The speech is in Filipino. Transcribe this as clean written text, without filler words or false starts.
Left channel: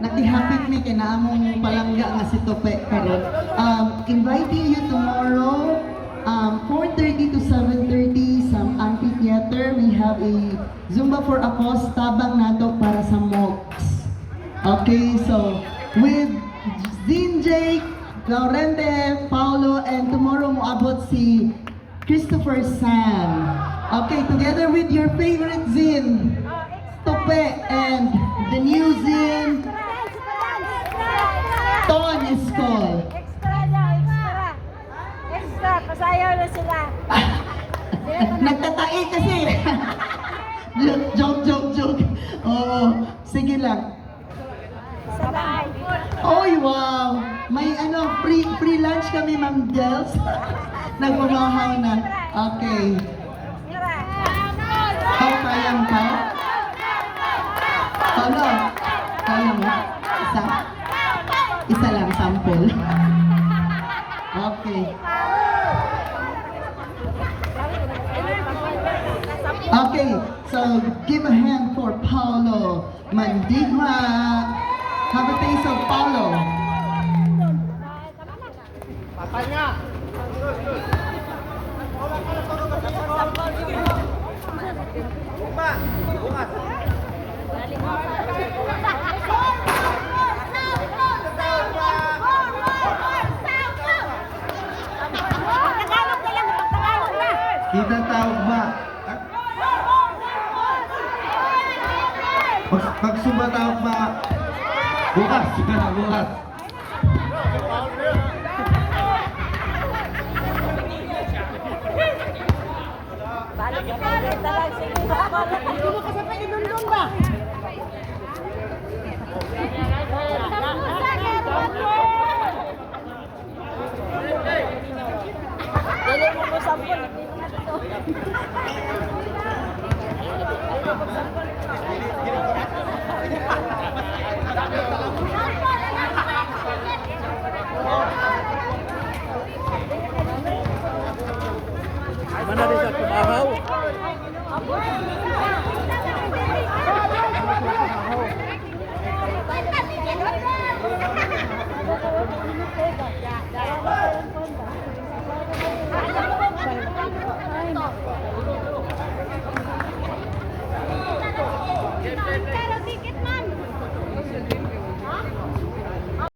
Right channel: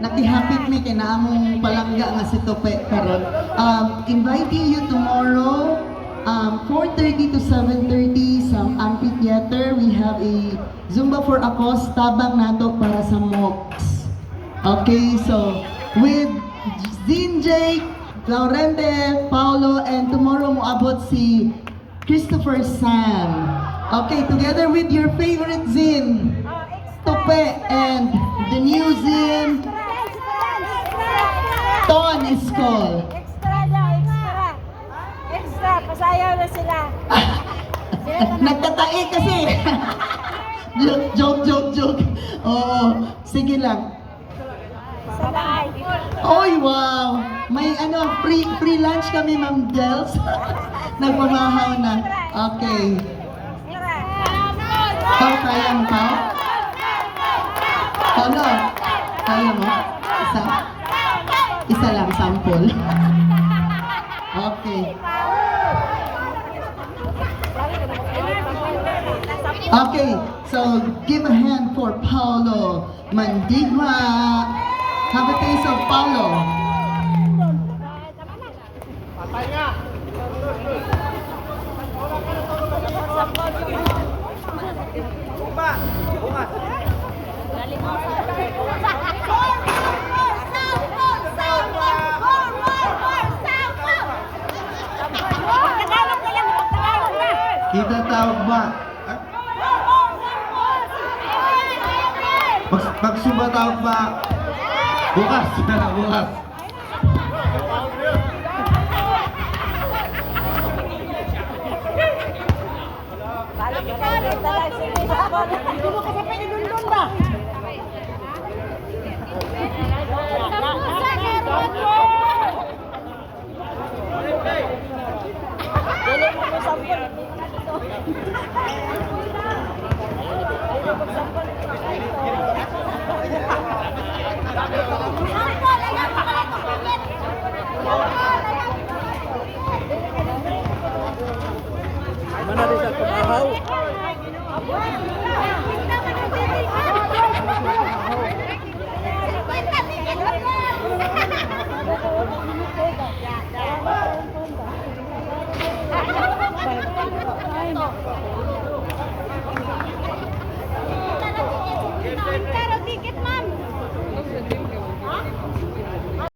nagihapit mi kay naamong palangga nga si Tope karon. Inviting you tomorrow 4:30 to 7:30 sa amphitheater. We have a Zumba for Apos tabang nato para sa MOOCs. Okay, so with Zinjay, Laurente, Paulo, and tomorrow mo abot si Christopher Sam. Okay, together with your favorite Zin, Tope, and the new Zin, Ton Iskol. Extra, pasayaw na sila. Nagtatae kasi. Joke. Oh, sige lang. Salay. Oy, wow! May free lunch kami, Ma'am Gels. Nagmamahaw na. Okay. Pao, kaya mo, Pao? Paulo, kaya mo? Isa lang, sample. Okay. Okay, so give a hand for Paulo Mandigma. Have a taste of Paulo. Pagtagalog na lang, pagtagalog na. Kita tawag ba? Magsumba tawag ba? Bukas, bukas. Balik kita lang, sige. Hindi mo kasapay ni Dundun ba? Dili mo mo sampol, hindi mo na ito. Dili mo sampol. Mana rin sa tumahaw?